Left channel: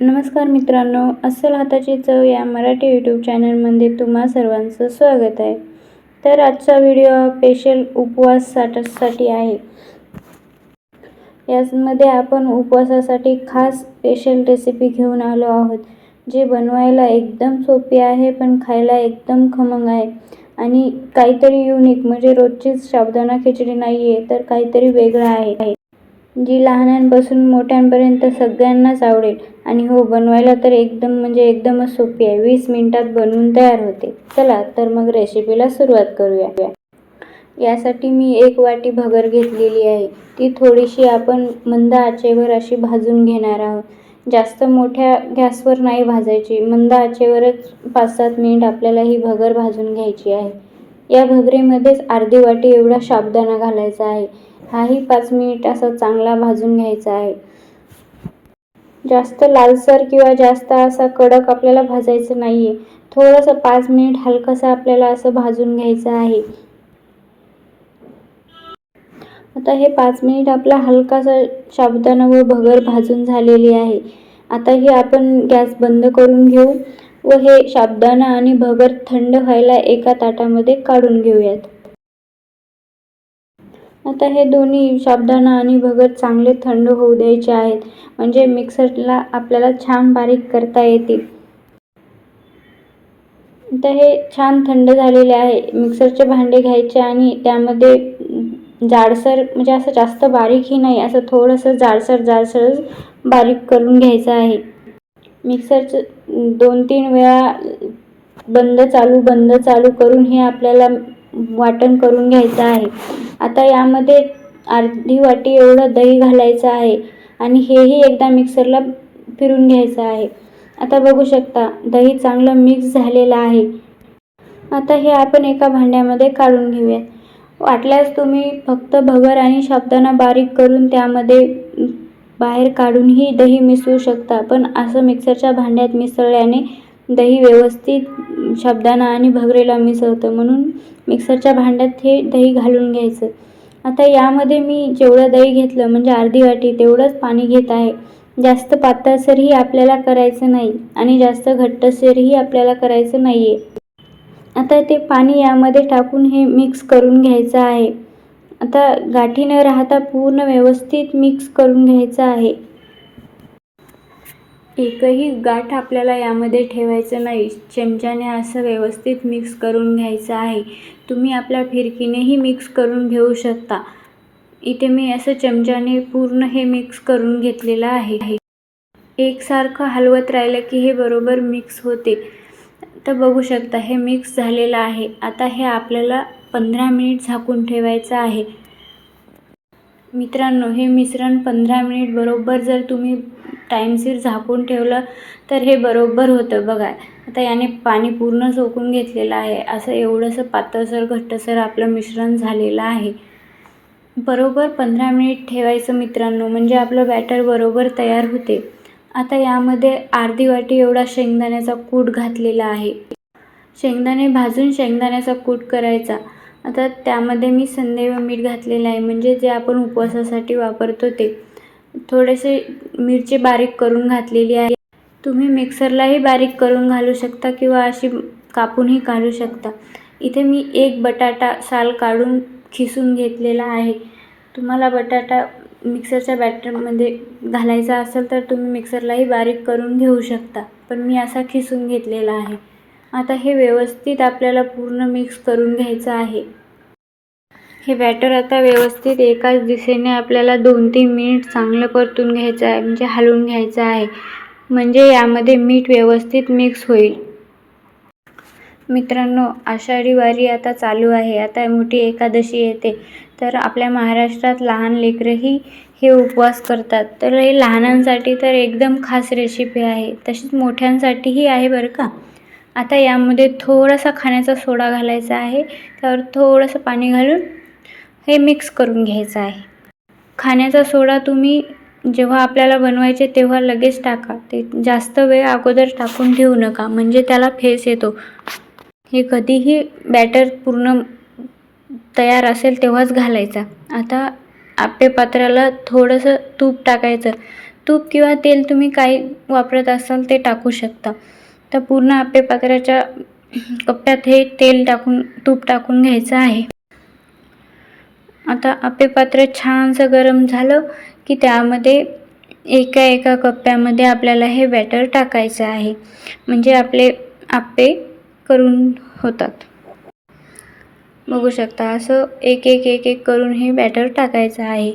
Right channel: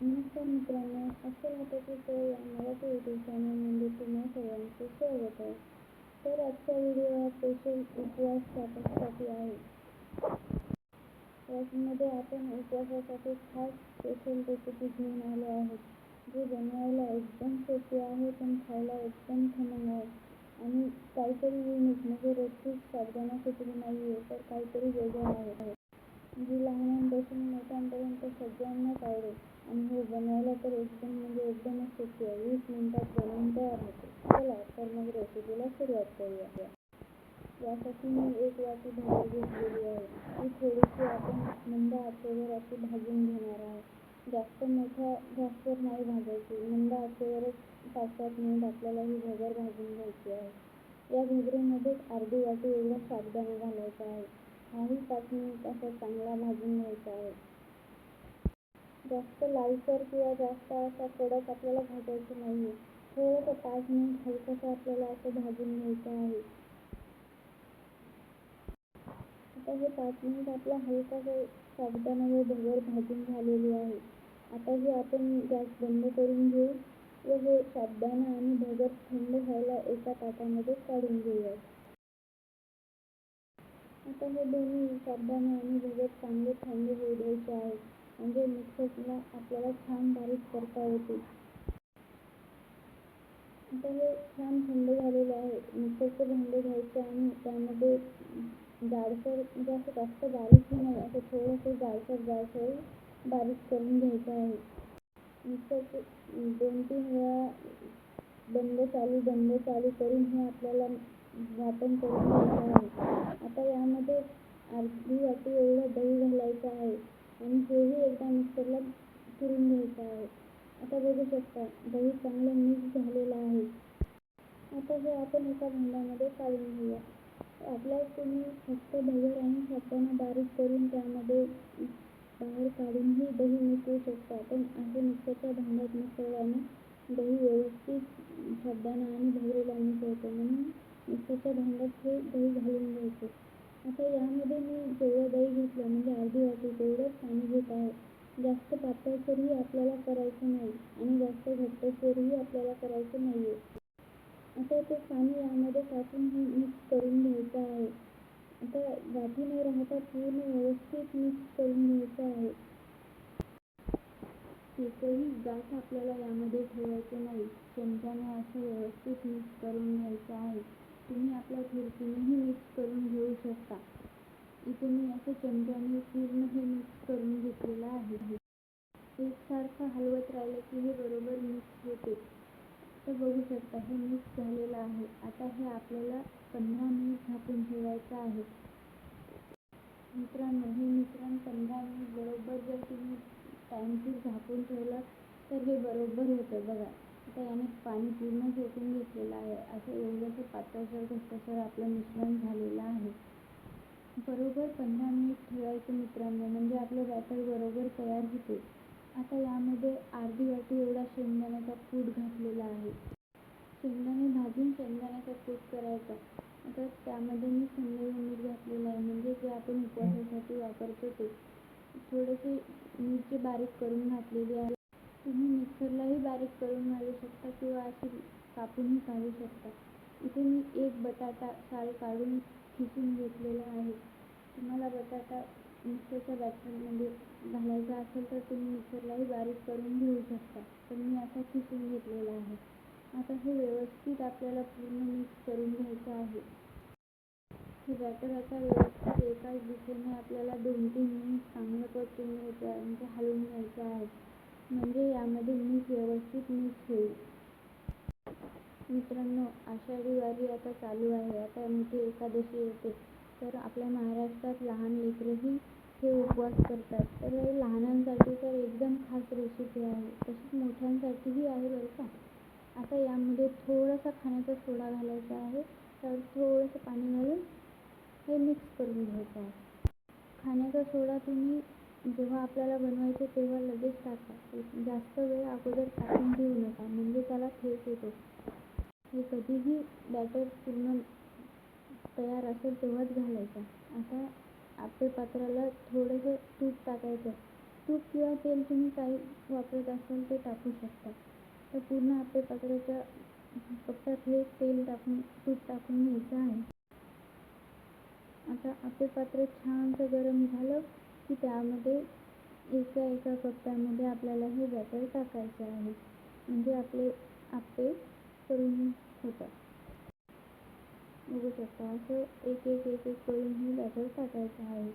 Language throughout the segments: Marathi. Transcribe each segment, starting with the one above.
नमस्कार मित्रांनो, अस्सल हाताची चव या मराठी यूट्यूब चॅनलमध्ये तुम्हा सर्वांचं स्वागत आहे. तर आजचा व्हिडिओ स्पेशल उपवासासाठी आहे. यामध्ये आपण उपवासासाठी खास स्पेशल रेसिपी घेऊन आलो आहोत, जे बनवायला एकदम सोपी आहे पण खायला एकदम खमंग आहे आणि काहीतरी युनिक, म्हणजे रोजचीच साबुदाणा खिचडी नाही आहे तर काहीतरी वेगळं आहे, जी लहानांपासून मोठ्यांपर्यंत सगळ्यांनाच आवडेल. आणि हो, बनवायला तर एकदमच सोपी आहे. 20 मिनिटात बनवून तयार होते. चला तर मग रेसिपीला सुरुवात करूया. यासाठी मी 1 वाटी भगर घेतलेली आहे. ती थोडीशी आपण मंद आचेवर अशी भाजून घेणार आहोत. जास्त मोठ्या गॅसवर नाही भाजायची, मंद आचेवरच 5-7 मिनिट आपल्याला ही भगर भाजून घ्यायची आहे. या भगरीमध्येच अर्धी वाटी एवढा साबुदाणा घालायचा आहे. हाही 5 मिनिट असा चांगला भाजून घ्यायचा आहे. जास्त लालसर किंवा जास्त असा कडक आपल्याला भाजायचं नाहीये. थोडंसं 5 मिनिट हलकंसं आपल्याला असं भाजून घ्यायचं आहे. आता हे 5 मिनिट आपला हलकासा साबुदाणा व भगर भाजून झालेली आहे. आता ही आपण गॅस बंद करून घेऊ व हे साबुदाणा आणि भगर थंड व्हायला एका ताटामध्ये काढून घेऊयात. आता हे दोन्ही साबुदाणा आणि भगर चांगले थंड होऊ द्यायचे आहेत, म्हणजे मिक्सरला आपल्याला छान बारीक करता येतील. आता हे छान थंड झालेले आहे. मिक्सरचे भांडे घ्यायचे आणि त्यामध्ये जाडसर, म्हणजे असं जास्त बारीकही नाही, असं थोडंसं जाडसर बारीक करून घ्यायचं आहे. मिक्सरचं 2-3 वेळा बंद चालू करून हे आपल्याला वाटण करून घ्यायचं आहे. आता यामध्ये अर्धी वाटी एवढं दही घालायचं आहे आणि हेही एकदा मिक्सरला फिरून घ्यायचं आहे. आता बघू शकता, दही चांगलं मिक्स झालेलं आहे. आता हे आपण एका भांड्यामध्ये काढून घेऊयात. वाटल्यास तुम्ही फक्त भगर आणि साबुदाणा बारीक करून त्यामध्ये बाहेर काढूनही दही मिसळू शकता, पण असं मिक्सरच्या भांड्यात मिसळल्याने दही व्यवस्थित साबुदाणा आणि भगरीला मिसळतं, म्हणून मिक्सरच्या भांड्यात हे दही घालून घ्यायचं. आता यामध्ये मी जेवढं दही घेतलं, म्हणजे अर्धी वाटी, तेवढंच पाणी घेत आहे. जास्त पातळसरही आपल्याला करायचं नाही आणि जास्त घट्टसरही आपल्याला करायचं नाहीये. आता ते पाणी यामध्ये टाकून हे मिक्स करून घ्यायचं आहे. आता गाठी न राहता पूर्ण व्यवस्थित मिक्स करून घ्यायचं आहे. एकही गाठ आपल्याला यामध्ये ठेवायचं नाही. चमच्याने असं व्यवस्थित मिक्स करून घ्यायचं आहे. तुम्ही आपल्या फिरकीनेही मिक्स करून घेऊ शकता. इथे मी असं चमच्याने पूर्ण हे मिक्स करून घेतलेलं आहे. एकसारखं हलवत राहिलं की हे बरोबर मिक्स होते. तर बघू शकता हे मिक्स झालेलं आहे. आता हे आपल्याला 15 मिनिट झाकून ठेवायचं आहे. मित्रांनो, हे मिश्रण 15 मिनिट बरोबर जर तुम्ही टाईमशीर झाकून ठेवलं तर हे बरोबर होतं. बघा, आता याने पाणी पूर्ण सोकून घेतलेलं आहे. असं एवढंसं पातळसर घट्टसर आपलं मिश्रण झालेलं आहे. बरोबर 15 मिनिट ठेवायचं मित्रांनो, म्हणजे आपलं बॅटर बरोबर तयार होते. आता यामध्ये अर्धी वाटी एवढा शेंगदाण्याचा कूट घातलेला आहे. शेंगदाणे भाजून शेंगदाण्याचा कूट करायचा. आता त्यामध्ये मी संदेव मीठ घातलेलं आहे, म्हणजे जे आपण उपवासासाठी वापरतो ते. थोडेसे मिरची बारीक करून घातलेली आहे. तुम्ही मिक्सरलाही बारीक करून घालू शकता किंवा अशी कापूनही घालू शकता. इथे मी 1 बटाटा साल काढून खिसून घेतलेला आहे. तुम्हाला बटाटा मिक्सरच्या बॅटरमध्ये घालायचा असेल तर तुम्ही मिक्सरलाही बारीक करून घेऊ शकता, पण मी असा खिसून घेतलेला आहे. आता हे व्यवस्थित आपल्याला पूर्ण मिक्स करून घ्यायचं आहे. हे बॅटर आता व्यवस्थित एकाच दिशेने आपल्याला 2-3 मिनिट चांगलं परतून घ्यायचं आहे, म्हणजे हलवून घ्यायचं आहे, म्हणजे यामध्ये मीठ व्यवस्थित मिक्स होईल. मित्रांनो, आषाढी वारी आता चालू आहे. आता मोठी एकादशी येते, तर आपल्या महाराष्ट्रात लहान लेकरंही हे उपवास करतात. तर हे लहानांसाठी तर एकदम खास रेसिपी आहे, तशीच मोठ्यांसाठीही आहे बरं का. आता यामध्ये थोडासा खाण्याचा सोडा घालायचा आहे. त्यावर थोडंसं पाणी घालून हे मिक्स करून घ्यायचं आहे. खाण्याचा सोडा तुम्ही जेव्हा आपल्याला बनवायचे तेव्हा लगेच टाका. ते जास्त वेळ अगोदर टाकून ठेवू नका, म्हणजे त्याला फेस येतो. हे कधीही बॅटर पूर्ण तयार असेल तेव्हाच घालायचा. आता आप्पे पात्राला थोडंसं तूप टाकायचं. तूप किंवा तेल तुम्ही काही वापरत असाल ते टाकू शकता. तर पूर्ण आप्पे पात्राच्या कप्प्यात हे तूप टाकून घ्यायचं आहे. आता आप्पे पात्र छानसं गरम झालं की त्यामध्ये एका कप्प्यामध्ये आपल्याला हे बॅटर टाकायचं आहे, म्हणजे आपले आप्पे करून होतात. बघू शकता असं एक करून हे बॅटर टाकायचं आहे.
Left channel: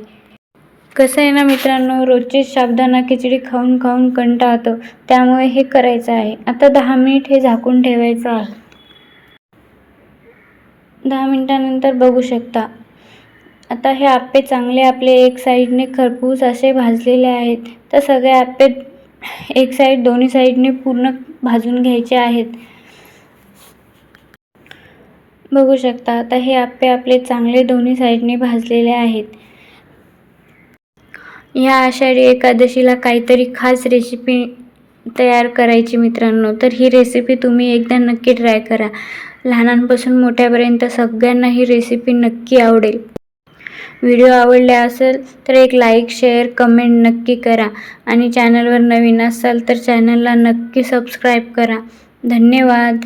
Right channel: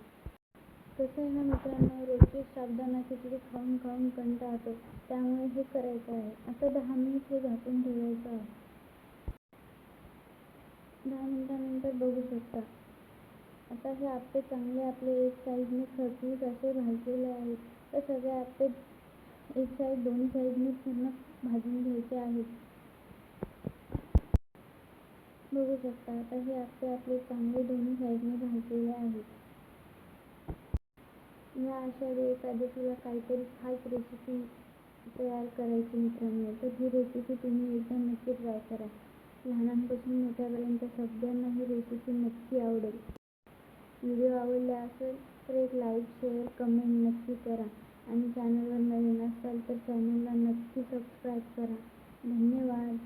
कसं आहे ना मित्रांनो, रोजची साबुदाणा खिचडी खाऊन खाऊन कंटाळतं, त्यामुळे हे करायचं आहे. आता 10 मिनिट हे झाकून ठेवायचं आहे. 10 मिनिटानंतर बघू शकता आता हे आप्पे चांगले आपले एक साईडने खरपूस असे भाजलेले आहेत. तर सगळे आप्पे एक साईड दोन्ही साईडने पूर्ण भाजून घ्यायचे आहेत. बघू शकता आता हे आप्पे आपले चांगले दोन्ही साईडने भाजलेले आहेत. या आषाढी एकादशीला काहीतरी खास रेसिपी तयार करायची मित्रांनो, तर ही रेसिपी तुम्ही एकदा नक्की ट्राय करा. लहानांपासून मोठ्यापर्यंत सगळ्यांना ही रेसिपी नक्की आवडेल. व्हिडिओ आवडला असेल तर एक लाईक, शेअर, कमेंट नक्की करा आणि चॅनलवर नवीन असाल तर चॅनलला नक्की सबस्क्राईब करा. धन्यवाद.